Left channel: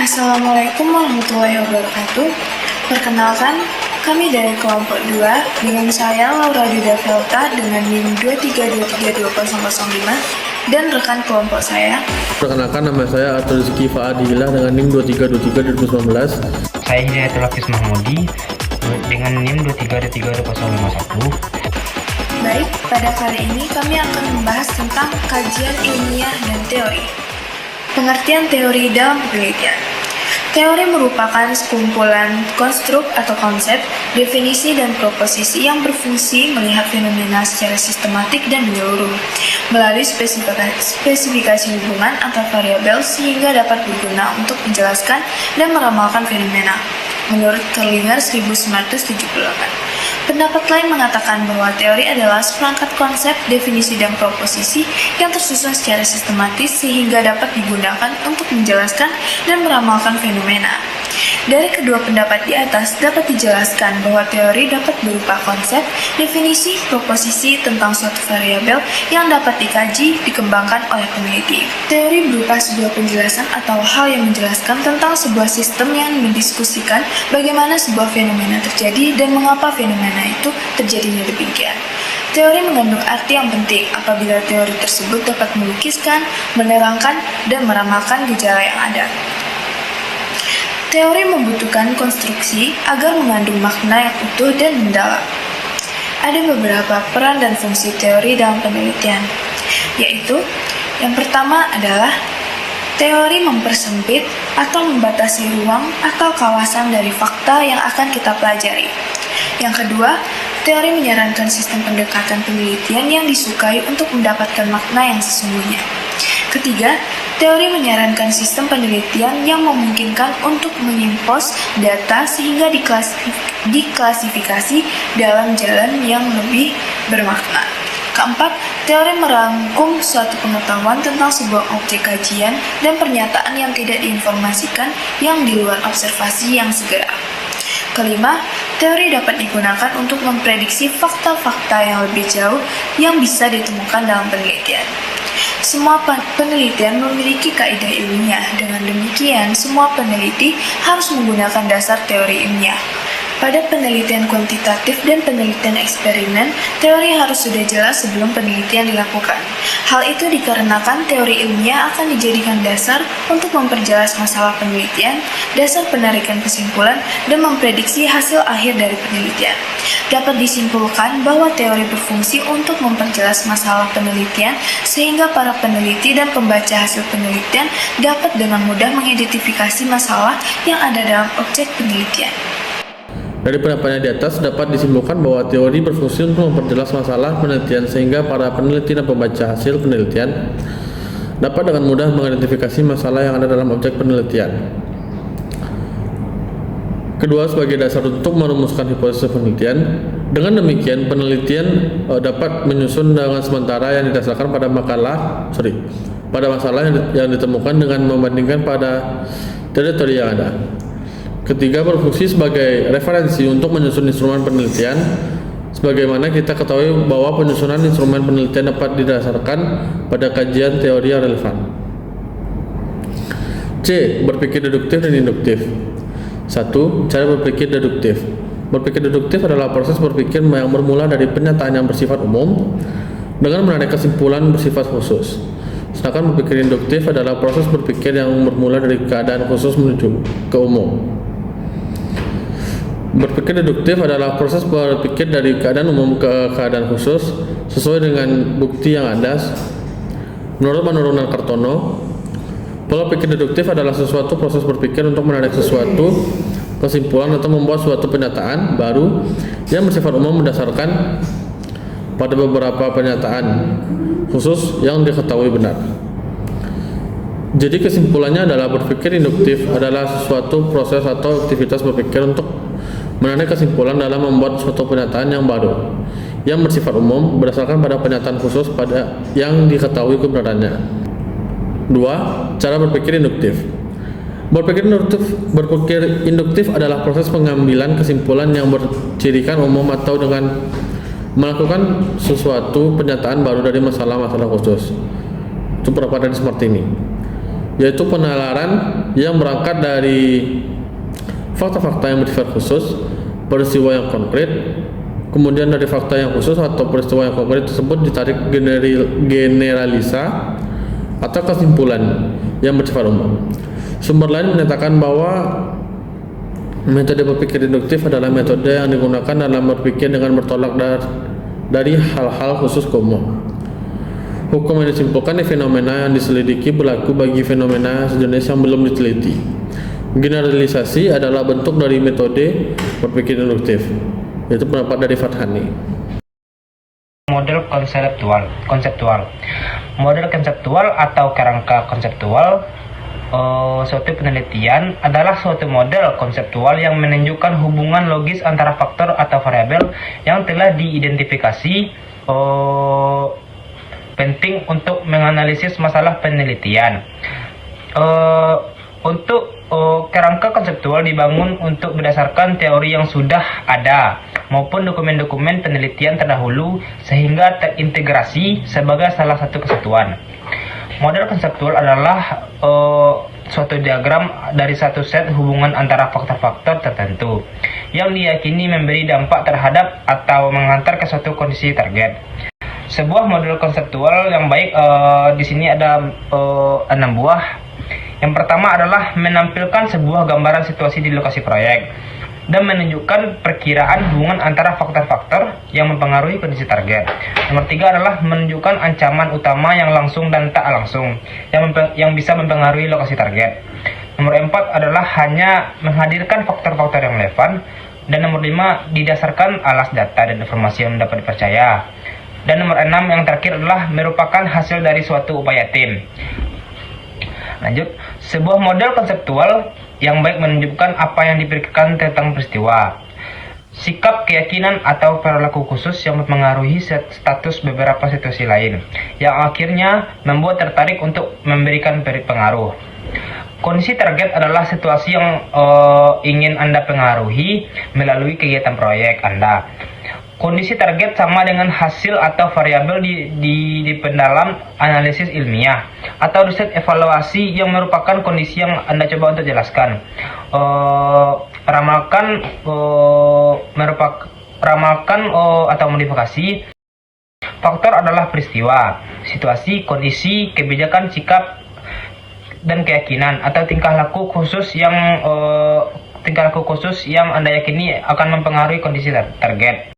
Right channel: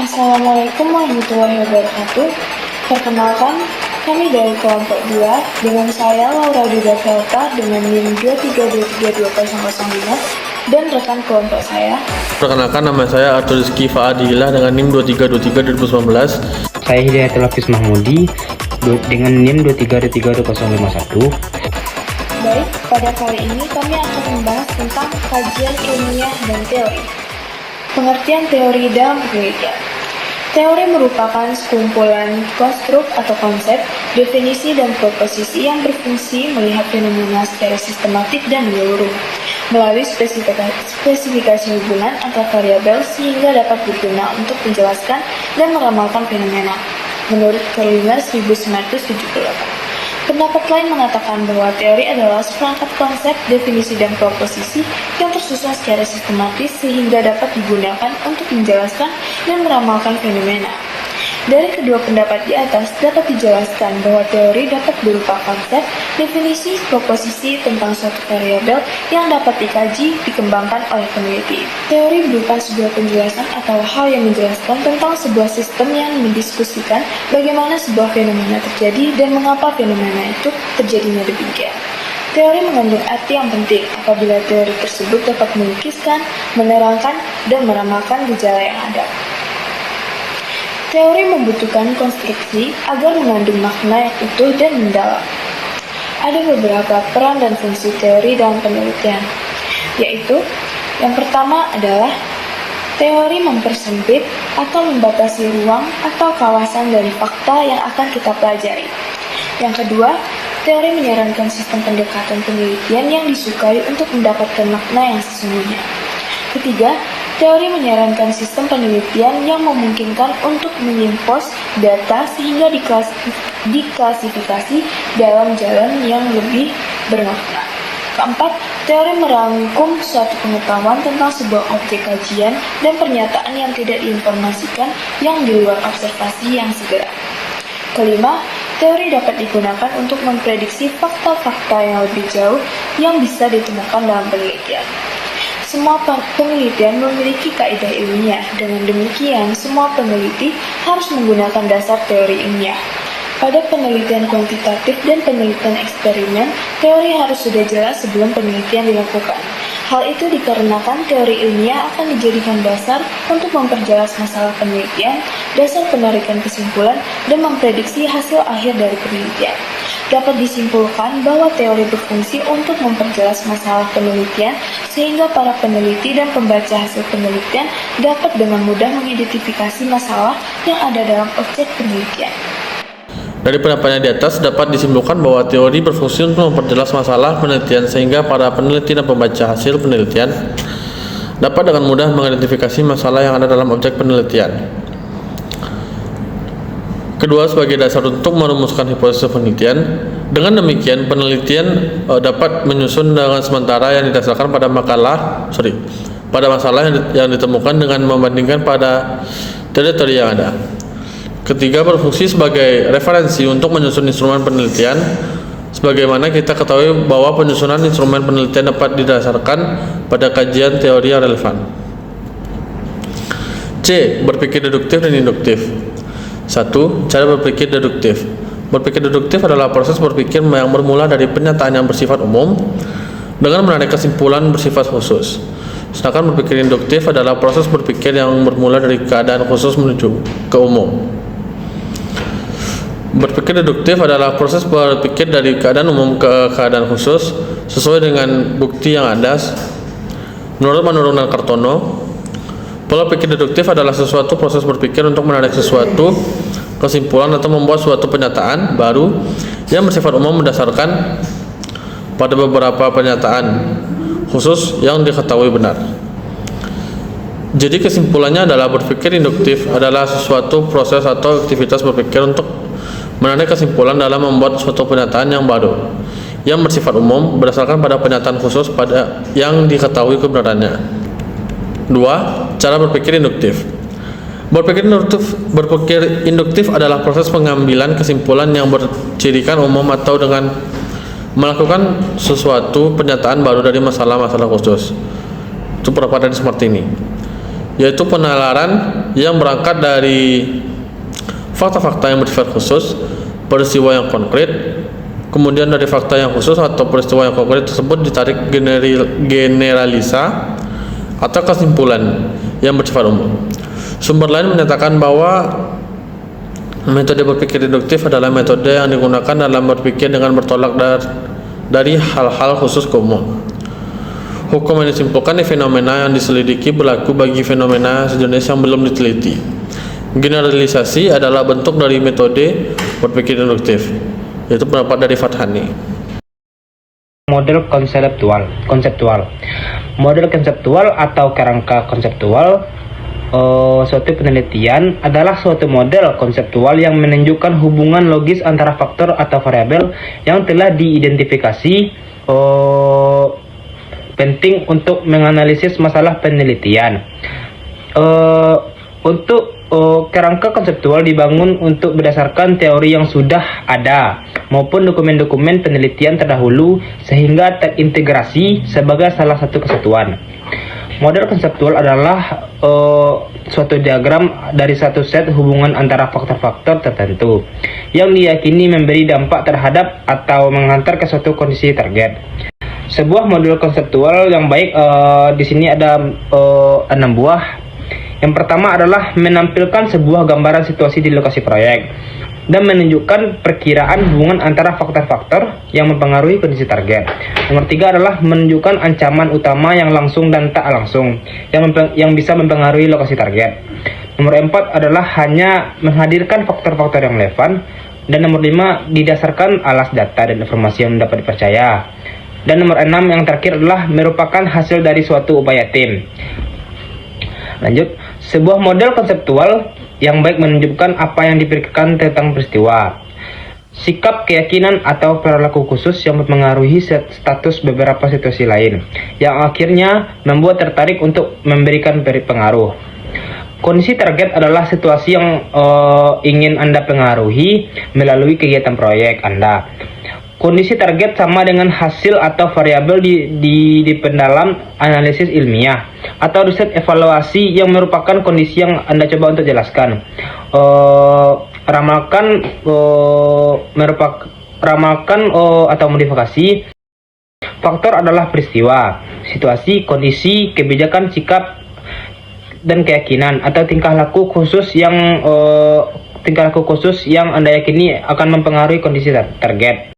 Assalamualaikum warahmatullahi wabarakatuh. Perkenalkan, kami dari kelompok 2 dengan saya Laura Duda Velta dengan NIM 232320005 dan rekan kelompok saya. Perkenalkan, nama saya Arthur Rizky Faadilah dengan NIM 2323 2019. Saya Hidayatul Hafiz Mahmudi dengan NIM 2323051. Baik, pada kali ini kami akan membahas tentang kajian ilmiah dan teori. Pengertian teori dalam penelitian. Teori merupakan sekumpulan konstruk atau konsep, definisi, dan proposisi yang berfungsi melihat fenomena secara sistematik dan menyeluruh, melalui spesifikasi hubungan antar variabel sehingga dapat berguna untuk menjelaskan dan meramalkan fenomena, menurut Kerlinger 1978. Pendapat lain mengatakan bahwa teori adalah seperangkat konsep, definisi, dan proposisi yang tersusun secara sistematis sehingga dapat digunakan untuk menjelaskan dan meramalkan fenomena. Dari kedua pendapat di atas dapat dijelaskan bahwa teori dapat berupa konsep, definisi, proposisi tentang suatu variabel yang dapat dikaji, dikembangkan oleh peneliti. Teori berupa sebuah penjelasan atau hal yang menjelaskan tentang sebuah sistem yang mendiskusikan bagaimana sebuah fenomena terjadi dan mengapa fenomena itu terjadinya demikian. Teori mengandung arti yang penting apabila teori tersebut dapat melukiskan, menerangkan, dan meramalkan gejala yang ada. Teori membutuhkan konstruksi agar mengandung makna yang utuh dan mendalam. Ada beberapa peran dan fungsi teori dalam penelitian, yaitu yang pertama adalah teori mempersempit atau membatasi ruang atau kawasan dari fakta yang akan kita pelajari. Yang kedua, teori menyarankan sistem pendekatan penelitian yang disukai untuk mendapatkan makna yang sesungguhnya. Ketiga, teori menyarankan sistem penelitian yang memungkinkan untuk menyimpos data sehingga diklasifikasi dalam jalan yang lebih bermakna. Keempat, teori merangkum suatu pengetahuan tentang sebuah objek kajian dan pernyataan yang tidak diinformasikan yang di luar observasi yang segera. Kelima, teori dapat digunakan untuk memprediksi fakta-fakta yang lebih jauh yang bisa ditemukan dalam penelitian. Semua penelitian memiliki kaidah ilmiah. Dengan demikian, semua peneliti harus menggunakan dasar teori ilmiah. Pada penelitian kuantitatif dan penelitian eksperimen, teori harus sudah jelas sebelum penelitian dilakukan. Hal itu dikarenakan teori ilmiah akan dijadikan dasar untuk memperjelas masalah penelitian, dasar penarikan kesimpulan, dan memprediksi hasil akhir dari penelitian. Dapat disimpulkan bahwa teori berfungsi untuk memperjelas masalah penelitian sehingga para peneliti dan pembaca hasil penelitian dapat dengan mudah mengidentifikasi masalah yang ada dalam objek penelitian. Dari pendapatnya di atas dapat disimpulkan bahwa teori berfungsi untuk memperjelas masalah penelitian sehingga para peneliti dan pembaca hasil penelitian dapat dengan mudah mengidentifikasi masalah yang ada dalam objek penelitian. Kedua, sebagai dasar untuk merumuskan hipotesis penelitian. Dengan demikian, penelitian dapat menyusun dengan sementara yang didasarkan pada pada masalah yang ditemukan dengan membandingkan pada teori-teori yang ada. Ketiga, berfungsi sebagai referensi untuk menyusun instrumen penelitian. Sebagaimana kita ketahui bahwa penyusunan instrumen penelitian dapat didasarkan pada kajian teori yang relevan. C. Berpikir deduktif dan induktif. 1. Cara berpikir deduktif. Berpikir deduktif adalah proses berpikir yang bermula dari pernyataan yang bersifat umum dengan menarik kesimpulan bersifat khusus. Sedangkan berpikir induktif adalah proses berpikir yang bermula dari keadaan khusus menuju ke umum. Berpikir deduktif adalah proses berpikir dari keadaan umum ke keadaan khusus sesuai dengan bukti yang ada. Menurut Manurung dan Kartono, pola pikir deduktif adalah suatu proses berpikir untuk menarik sesuatu kesimpulan atau membuat suatu pernyataan baru yang bersifat umum berdasarkan pada beberapa pernyataan khusus yang diketahui benar. Jadi kesimpulannya adalah berpikir induktif adalah suatu proses atau aktivitas berpikir untuk menarik kesimpulan dalam membuat suatu pernyataan yang baru yang bersifat umum berdasarkan pada pernyataan khusus pada yang diketahui kebenarannya. 2. Cara berpikir induktif. Berpikir induktif adalah proses pengambilan kesimpulan yang bercirikan umum atau dengan melakukan sesuatu pernyataan baru dari masalah-masalah khusus. Itu perpaduan seperti ini. yaitu penalaran yang berangkat dari fakta-fakta yang bersifat khusus, peristiwa yang konkret, kemudian dari fakta yang khusus atau peristiwa yang konkret tersebut ditarik generalisa atau kesimpulan yang bersifat umum. Sumber lain menyatakan bahwa metode berpikir deduktif adalah metode yang digunakan dalam berpikir dengan bertolak dari hal-hal khusus ke umum. Hukum yang disimpulkan di fenomena yang diselidiki berlaku bagi fenomena sejenis yang belum diteliti. Generalisasi adalah bentuk dari metode berpikir deduktif, yaitu pendapat dari Farhani. Model konseptual. Model konseptual atau kerangka konseptual suatu penelitian adalah suatu model konseptual yang menunjukkan hubungan logis antara faktor atau variabel yang telah diidentifikasi penting untuk menganalisis masalah penelitian. Untuk kerangka konseptual dibangun untuk berdasarkan teori yang sudah ada maupun dokumen-dokumen penelitian terdahulu sehingga terintegrasi sebagai salah satu kesatuan. Model konseptual adalah suatu diagram dari satu set hubungan antara faktor-faktor tertentu yang diyakini memberi dampak terhadap atau menghantar ke suatu kondisi target. Sebuah model konseptual yang baik di sini ada 6 buah. Yang pertama adalah menampilkan sebuah gambaran situasi di lokasi proyek dan menunjukkan perkiraan hubungan antara faktor-faktor yang mempengaruhi kondisi target. Nomor 3 adalah menunjukkan ancaman utama yang langsung dan tak langsung yang bisa mempengaruhi lokasi target. Nomor 4 adalah hanya menghadirkan faktor-faktor yang relevan. Dan nomor 5 didasarkan alas data dan informasi yang dapat dipercaya. Dan nomor 6 yang terakhir adalah merupakan hasil dari suatu upaya tim. Lanjut, sebuah model konseptual yang baik menunjukkan apa yang dipikirkan tentang peristiwa, sikap, keyakinan, atau perilaku khusus yang mempengaruhi status beberapa situasi lain, yang akhirnya membuat tertarik untuk memberikan pengaruh. Kondisi target adalah situasi yang ingin Anda pengaruhi melalui kegiatan proyek Anda. Kondisi target sama dengan hasil atau variabel di pendalam analisis ilmiah atau riset evaluasi yang merupakan kondisi yang Anda coba untuk jelaskan. Ramalkan atau modifikasi. Faktor adalah peristiwa, situasi, kondisi, kebijakan, sikap, dan keyakinan atau tingkah laku khusus yang Anda yakini akan mempengaruhi kondisi target.